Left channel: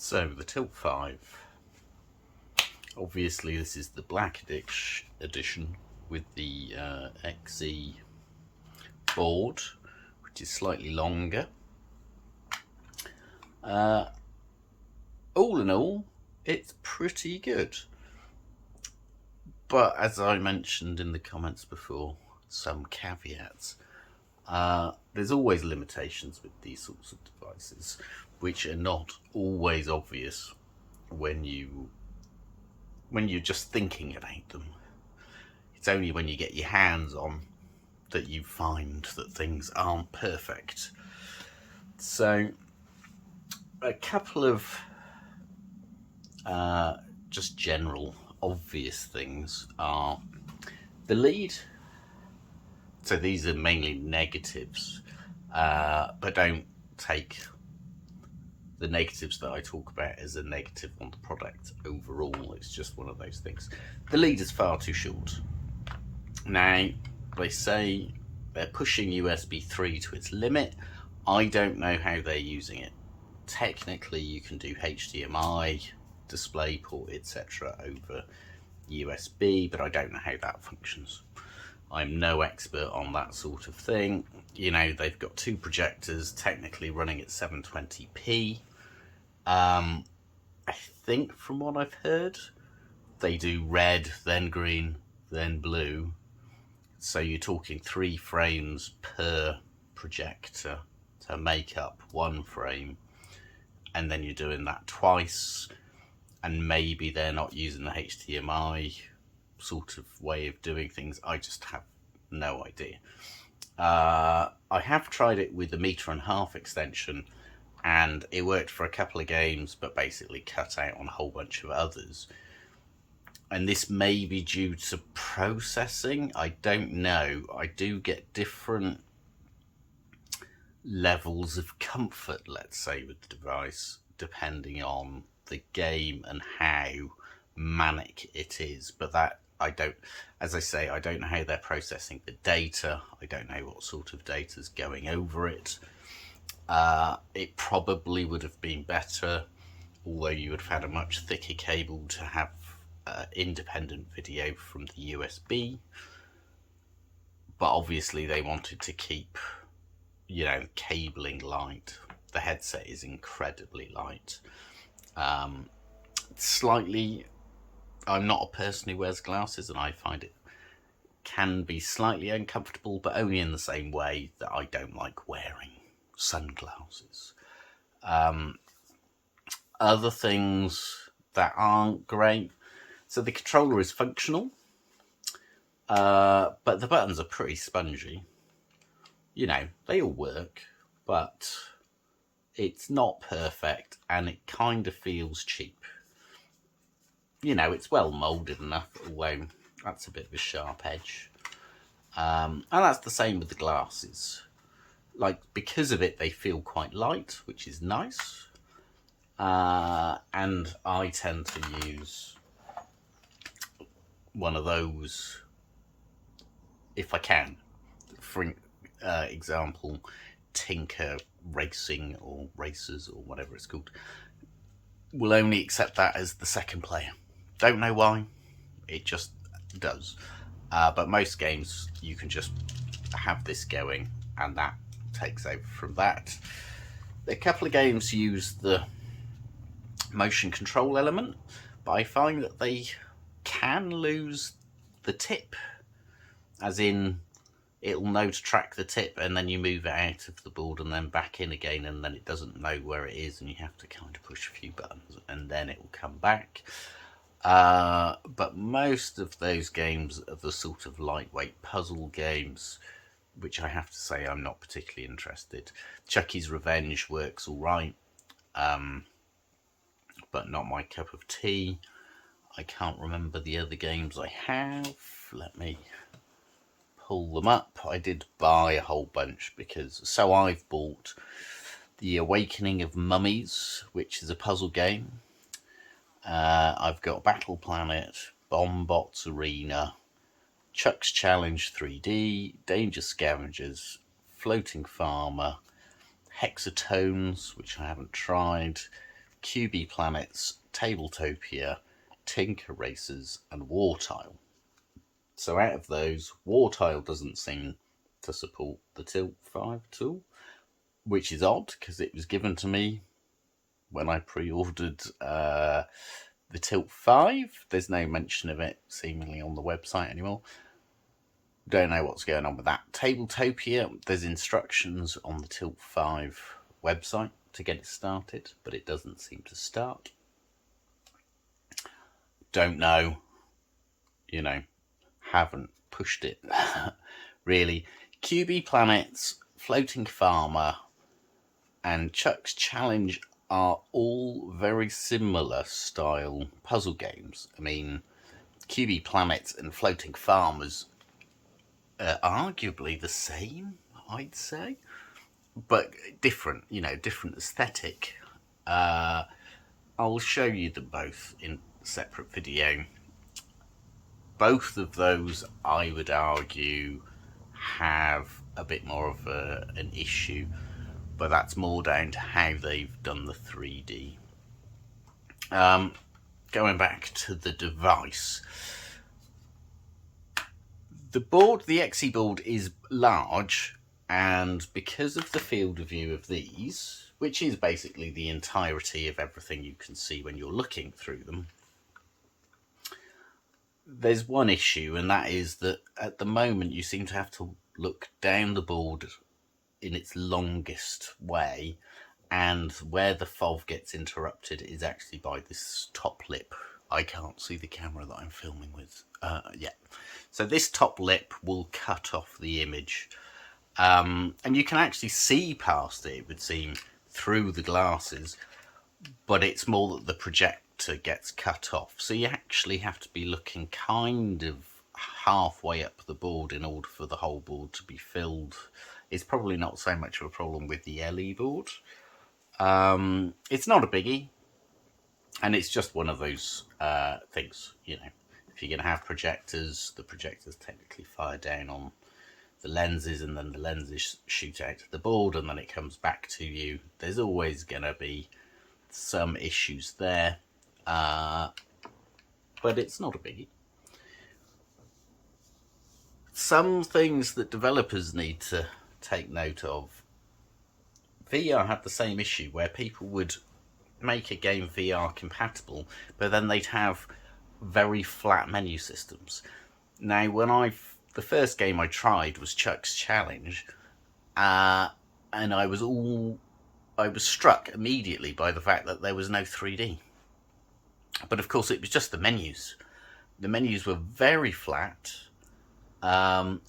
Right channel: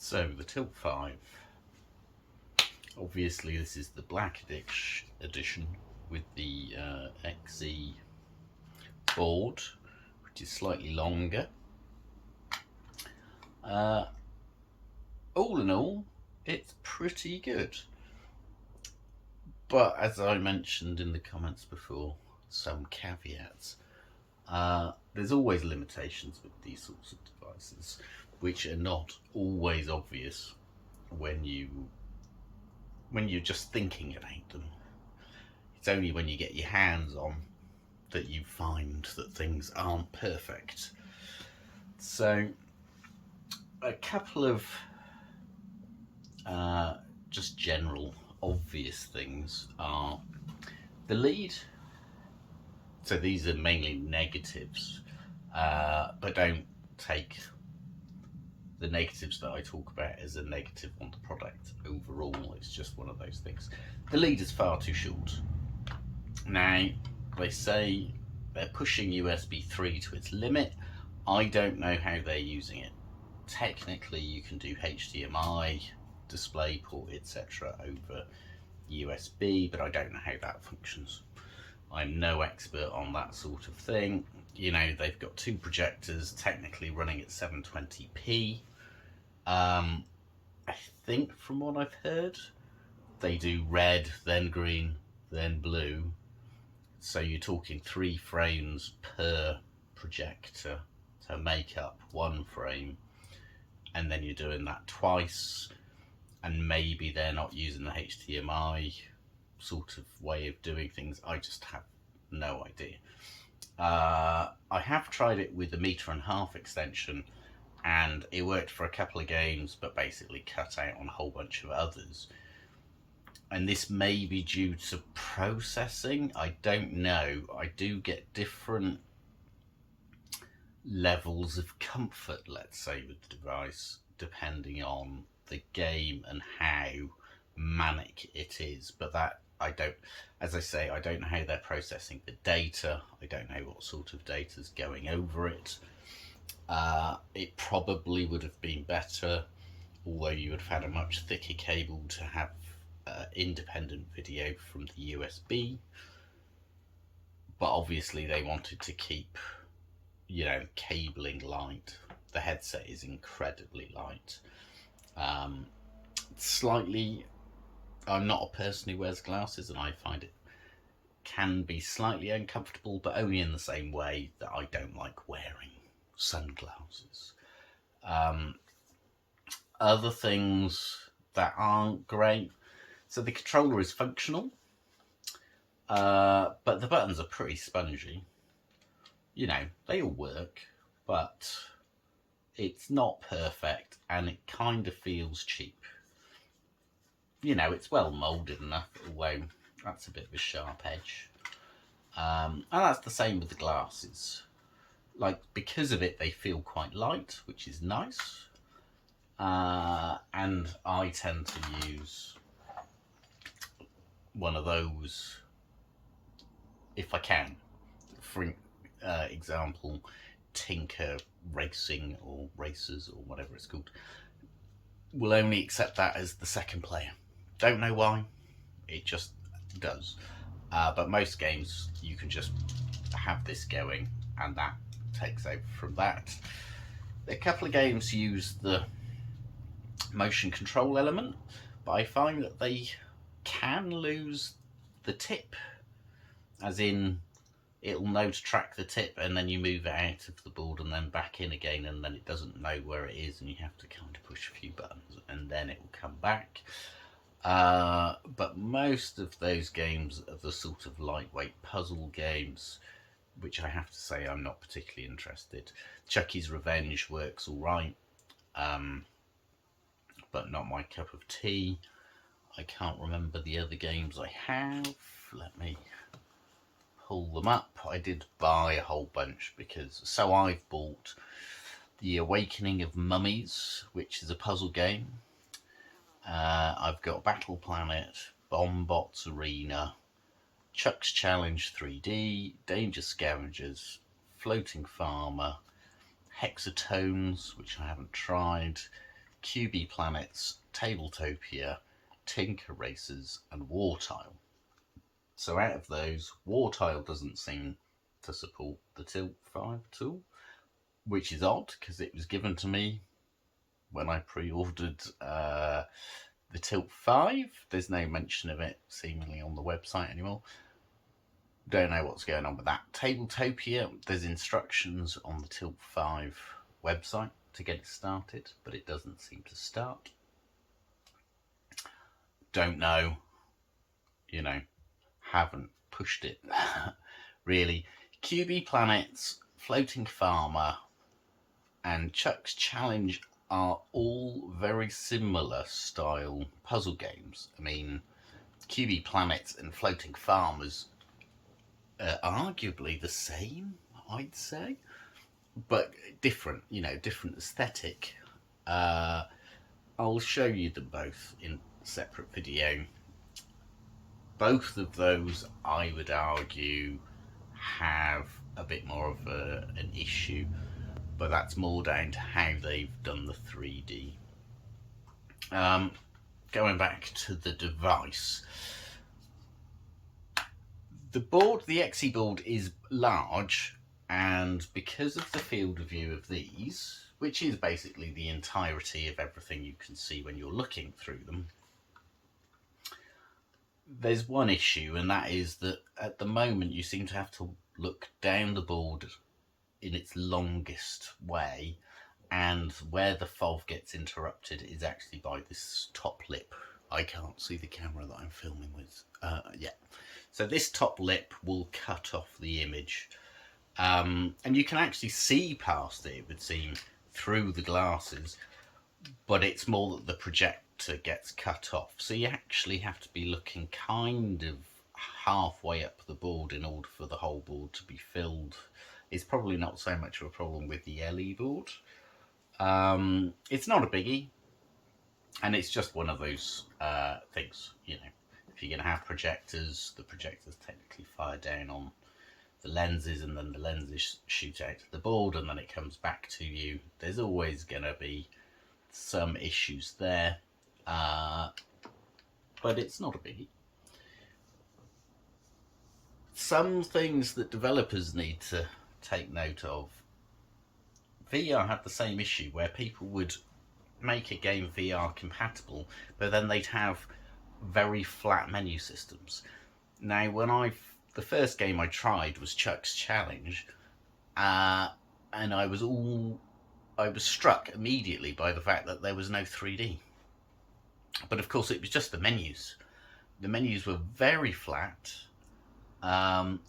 So the Tilt 5, obviously this is the black edition with the XE board, which is slightly longer. All in all, it's pretty good. But as I mentioned in the comments before, some caveats. There's always limitations with these sorts of devices, which are not always obvious when you're just thinking about them. It's only when you get your hands on that you find that things aren't perfect. So a couple of just general obvious things are the lead. So these are mainly negatives, but don't take the negatives that I talk about as a negative on the product overall. It's just one of those things. The lead is far too short. Now, they say they're pushing USB 3 to its limit. I don't know how they're using it. Technically, you can do HDMI, DisplayPort, etc. over USB, but I don't know how that functions. I'm no expert on that sort of thing. You know, they've got two projectors technically running at 720p. I think from what I've heard, they do red, then green, then blue. So you're talking 3 frames per projector to make up 1 frame. And then you're doing that twice. And maybe they're not using the HDMI sort of way of doing things. I just have no idea. I have tried it with a 1.5 meter extension, and it worked for a couple of games, but basically cut out on a whole bunch of others. And this may be due to processing. I don't know. I do get different levels of comfort, let's say, with the device, depending on the game and how manic it is. But that I don't, as I say, I don't know how they're processing the data. I don't know what sort of data is going over it. It probably would have been better, although you would have had a much thicker cable to have independent video from the USB. But obviously they wanted to keep, you know, cabling light. The headset is incredibly light. Slightly, I'm not a person who wears glasses, and I find it can be slightly uncomfortable, but only in the same way that I don't like wearing sunglasses. Other things that aren't great. So the controller is functional, but the buttons are pretty spongy. You know, they all work, but it's not perfect, and it kind of feels cheap. You know, it's well moulded enough, although that's a bit of a sharp edge. And that's the same with the glasses. Like, because of it, they feel quite light, which is nice. And I tend to use one of those if I can. For example, Tinker Racing or Racers or whatever it's called will only accept that as the second player. Don't know why, it just does. But most games you can just have this going and that takes over from that. A couple of games use the motion control element, but I find that they can lose the tip, as in it'll know to track the tip and then you move it out of the board and then back in again, and then it doesn't know where it is and you have to kind of push a few buttons and then it will come back. But most of those games are the sort of lightweight puzzle games, which I have to say I'm not particularly interested. Chucky's Revenge works all right, but not my cup of tea. I can't remember the other games I have. Let me pull them up. I did buy a whole bunch because, so I've bought The Awakening of Mummies, which is a puzzle game. I've got Battle Planet, Bombbots Arena, Chuck's Challenge 3D, Danger Scavengers, Floating Farmer, Hexatones, which I haven't tried, QB Planets, Tabletopia, Tinker Racers, and War Tile. So out of those, War Tile doesn't seem to support the Tilt 5 tool, which is odd because it was given to me when I pre-ordered the Tilt 5. There's no mention of it seemingly on the website anymore. Don't know what's going on with that. Tabletopia, there's instructions on the Tilt 5 website to get it started, but it doesn't seem to start. Don't know, haven't pushed it really. QB Planets, Floating Farmer, and Chuck's Challenge are all very similar style puzzle games. I mean, QB Planets and Floating Farmers are arguably the same, I'd say, but different, different aesthetic. I'll show you them both in a separate video. Both of those, I would argue, have a bit more of an issue, but that's more down to how they've done the 3D. Going back to the device, the board, the XE board, is large, and because of the field of view of these, which is basically the entirety of everything you can see when you're looking through them, there's one issue, and that is that at the moment you seem to have to look down the board in its longest way, and where the FOV gets interrupted is actually by this top lip. I can't see the camera that I'm filming with. Yeah. So this top lip will cut off the image. And you can actually see past it, it would seem, through the glasses, but it's more that the projector gets cut off. So you actually have to be looking kind of halfway up the board in order for the whole board to be filled. It's probably not so much of a problem with the LE board. It's not a biggie, and it's just one of those things, if you're going to have projectors, the projectors technically fire down on the lenses, and then the lenses shoot out to the board, and then it comes back to you. There's always going to be some issues there, but it's not a biggie. Some things that developers need to take note of. VR had the same issue where people would make a game VR compatible, but then they'd have very flat menu systems. Now, the first game I tried was Chuck's Challenge, and I was struck immediately by the fact that there was no 3D. But of course, it was just the menus. The menus were very flat, and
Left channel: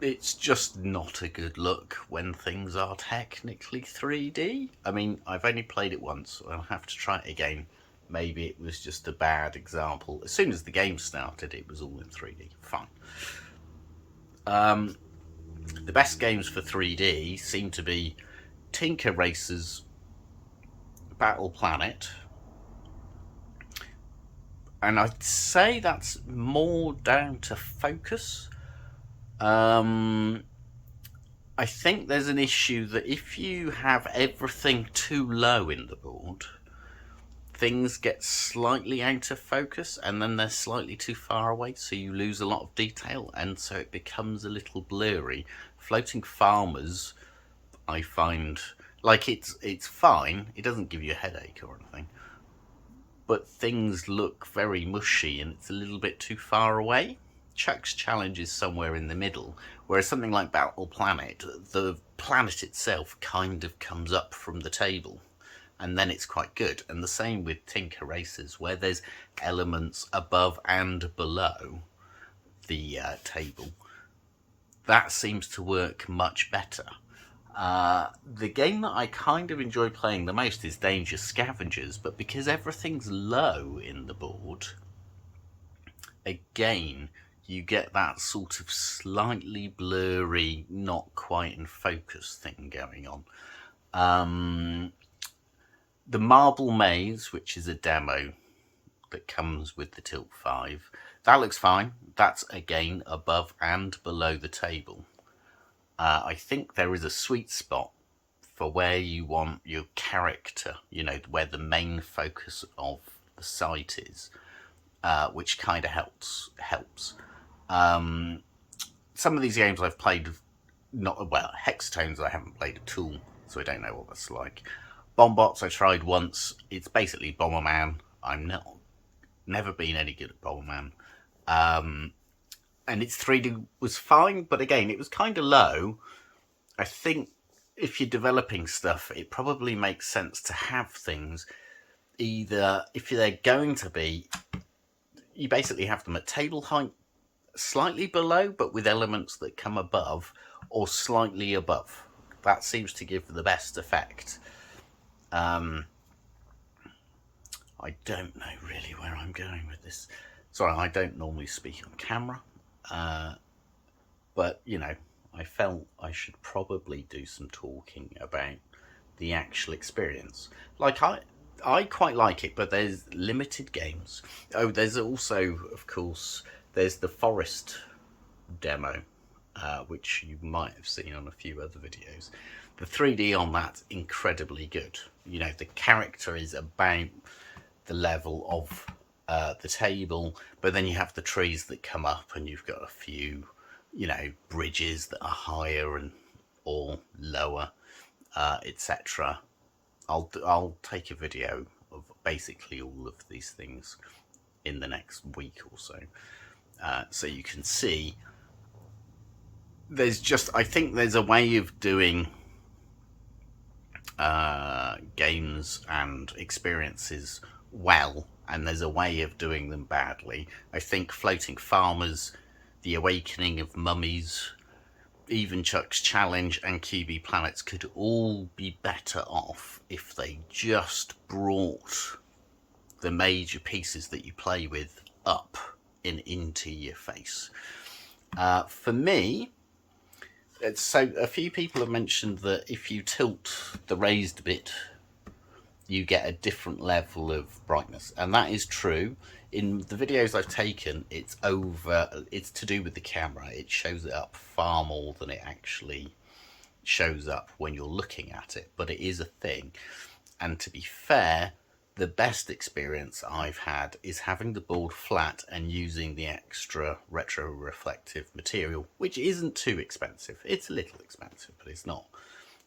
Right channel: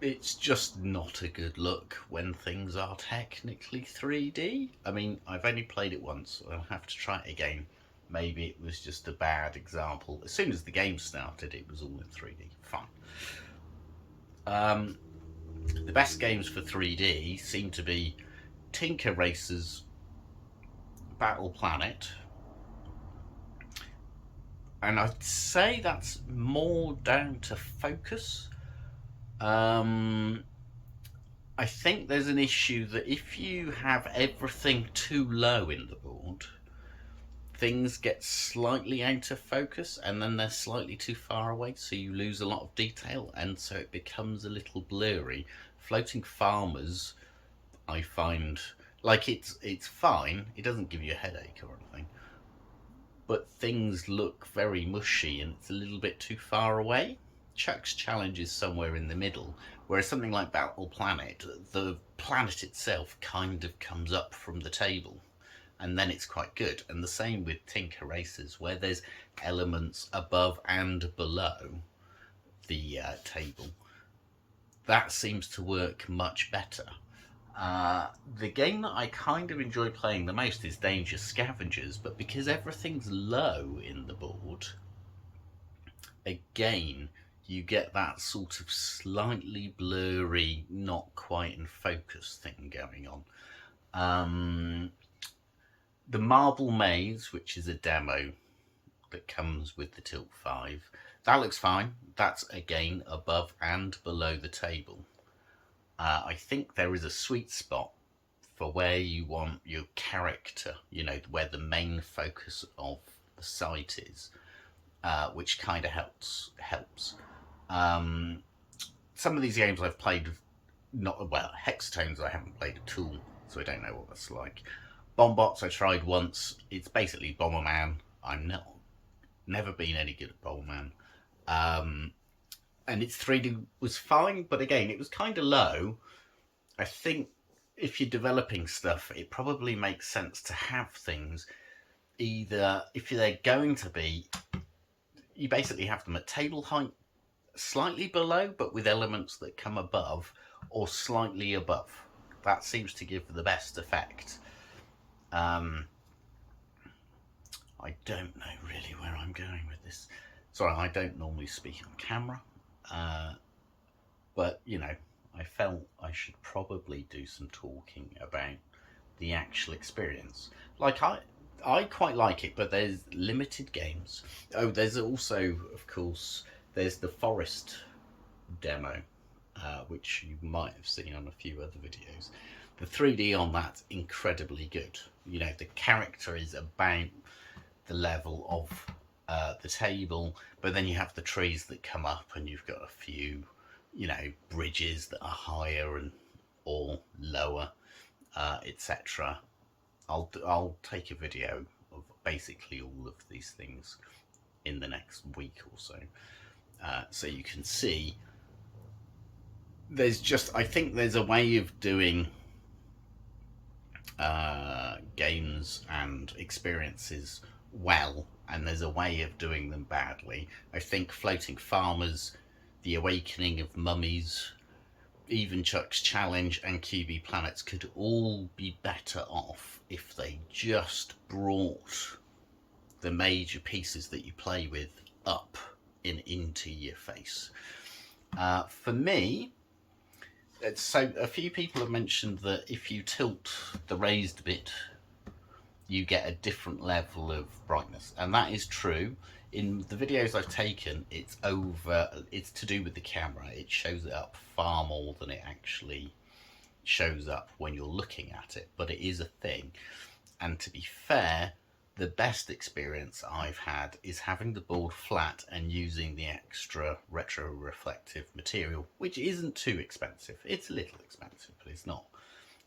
it's just not a good look when things are technically 3D. I mean, I've only played it once, so I'll have to try it again. Maybe it was just a bad example. As soon as the game started, it was all in 3D. Fun. The best games for 3D seem to be Tinker Racers, Battle Planet, and I'd say that's more down to focus. I think there's an issue that if you have everything too low in the board, things get slightly out of focus, and then they're slightly too far away, so you lose a lot of detail, and so it becomes a little blurry. Floating Farmers, I find, like, it's fine, it doesn't give you a headache or anything, but things look very mushy and it's a little bit too far away. Chuck's Challenge is somewhere in the middle, whereas something like Battle Planet, the planet itself kind of comes up from the table, and then it's quite good. And the same with Tinker Racers, where there's elements above and below the table. That seems to work much better. The game that I kind of enjoy playing the most is Danger Scavengers, but because everything's low in the board, again, you get that sort of slightly blurry, not quite in focus thing going on. The Marble Maze, which is a demo that comes with the Tilt 5, that looks fine. That's, again, above and below the table. I think there is a sweet spot for where you want your character, you know, where the main focus of the site is, which kind of helps. Some of these games I've played, not well, Hexatones I haven't played at all, so I don't know what that's like. Bombots I tried once. It's basically Bomberman. I'm never been any good at Bomberman. And its 3D was fine, but again, it was kind of low. I think if you're developing stuff, it probably makes sense to have things either, if they're going to be, you basically have them at table height, slightly below, but with elements that come above, or slightly above. That seems to give the best effect. I don't know really where I'm going with this. Sorry, I don't normally speak on camera, but you know, I felt I should probably do some talking about the actual experience. Like I quite like it, but there's limited games. Oh, there's also, of course, there's the Forest demo, which you might have seen on a few other videos. The 3D on that's incredibly good. You know, the character is about the level of the table, but then you have the trees that come up, and you've got a few, you know, bridges that are higher and or lower, etc. I'll take a video of basically all of these things in the next week or so, so you can see. There's just, I think there's a way of doing games and experiences well, and there's a way of doing them badly. I think Floating Farmers, The Awakening of Mummies, even Chuck's Challenge and QB Planets could all be better off if they just brought the major pieces that you play with up and into your face. For me, so a few people have mentioned that if you tilt the raised bit, you get a different level of brightness, and that is true. In the videos I've taken, it's to do with the camera. It shows it up far more than it actually shows up when you're looking at it, but it is a thing. And to be fair, the best experience I've had is having the board flat and using the extra retro-reflective material, which isn't too expensive. It's a little expensive, but it's not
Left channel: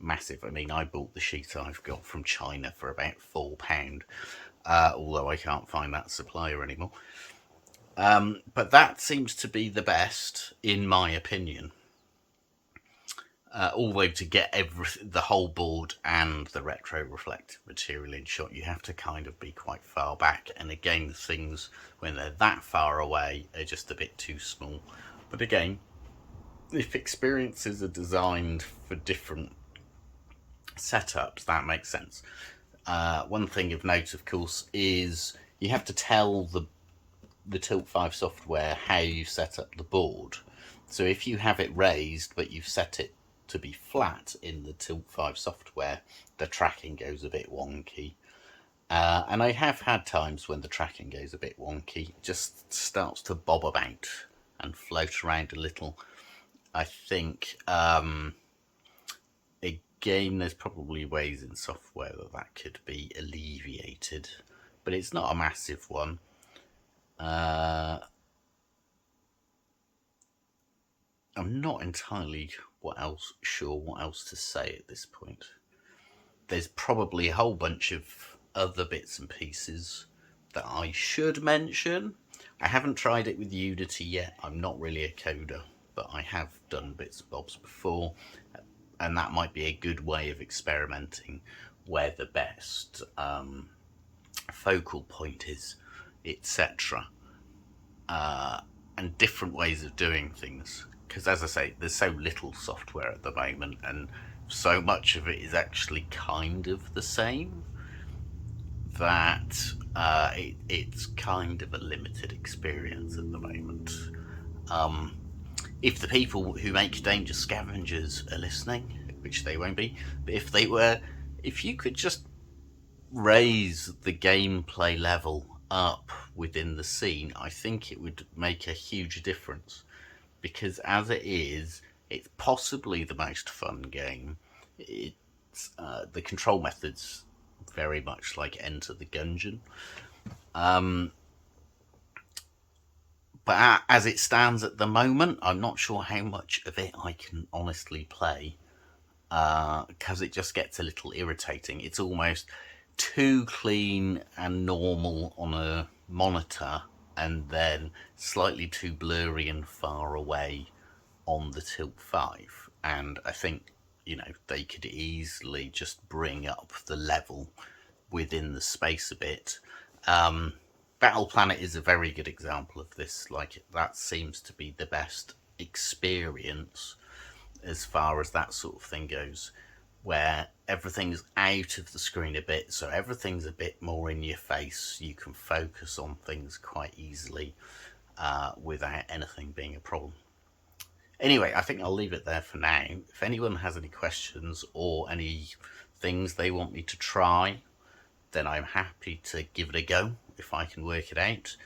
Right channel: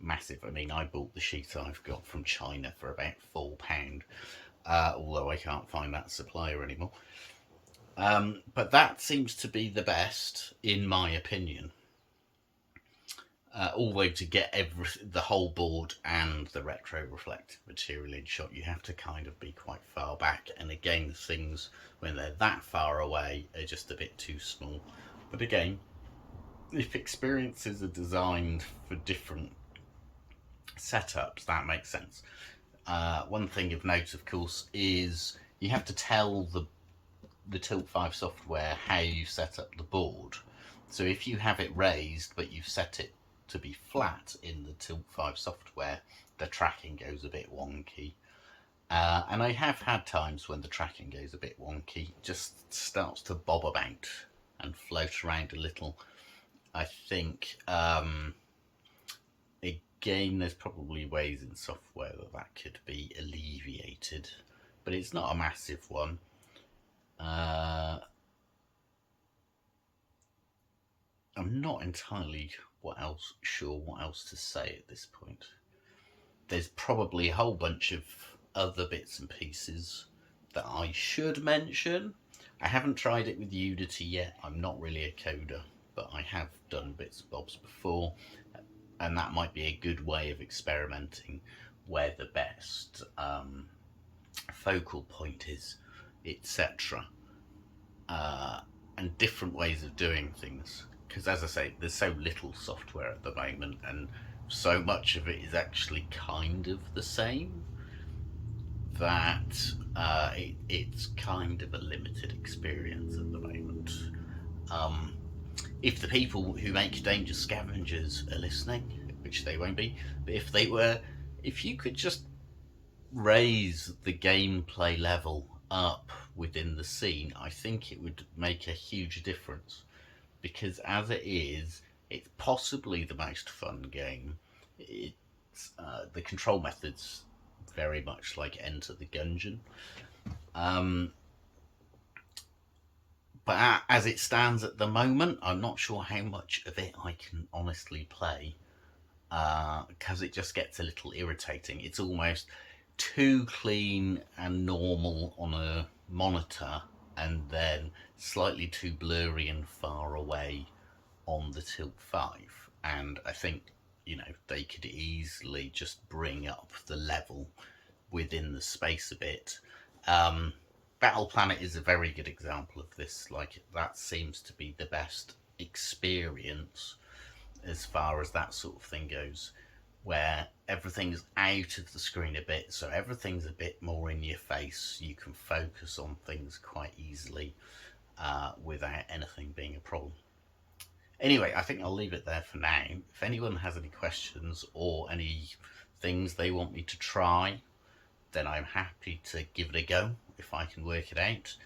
massive. I mean, I bought the sheet I've got from China for about £4, although I can't find that supplier anymore. But that seems to be the best, in my opinion. Although to get the whole board and the retro-reflective material in shot, you have to kind of be quite far back. And again, things, when they're that far away, are just a bit too small. But again, if experiences are designed for different setups, that makes sense. One thing of note, of course, is you have to tell the Tilt 5 software how you set up the board. So if you have it raised, but you've set it to be flat in the Tilt 5 software, the tracking goes a bit wonky. And I have had times when the tracking goes a bit wonky, it just starts to bob about and float around a little. I think, again, there's probably ways in software that could be alleviated, but it's not a massive one. I'm not entirely sure what else to say at this point. There's probably a whole bunch of other bits and pieces that I should mention. I haven't tried it with Unity yet. I'm not really a coder, but I have done bits and bobs before, and that might be a good way of experimenting where the best focal point is, etc. And different ways of doing things. Because as I say, there's so little software at the moment, and so much of it is actually kind of the same, that it's kind of a limited experience at the moment. If the people who make Danger Scavengers are listening, which they won't be, but if they were, if you could just raise the gameplay level up within the scene, I think it would make a huge difference. Because as it is, it's possibly the most fun game. It's the control method's very much like Enter the Gungeon. But as it stands at the moment, I'm not sure how much of it I can honestly play, because it just gets a little irritating. It's almost too clean and normal on a monitor, and then slightly too blurry and far away on the Tilt 5. And I think, you know, they could easily just bring up the level within the space a bit. Battle Planet is a very good example of this. Like, that seems to be the best experience as far as that sort of thing goes, where everything's out of the screen a bit, so everything's a bit more in your face. You can focus on things quite easily without anything being a problem. Anyway, I think I'll leave it there for now. If anyone has any questions or any things they want me to try, then I'm happy to give it a go if I can work it out.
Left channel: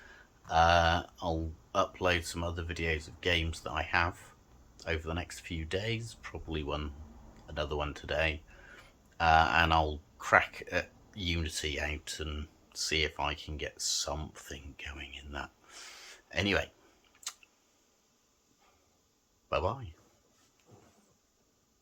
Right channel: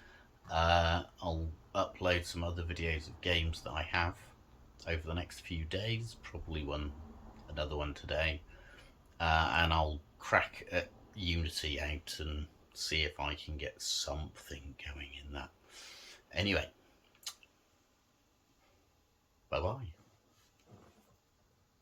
I'll upload some other videos of games that I have over the next few days, probably another one today, and I'll crack at Unity out and see if I can get something going in that. Anyway, bye bye.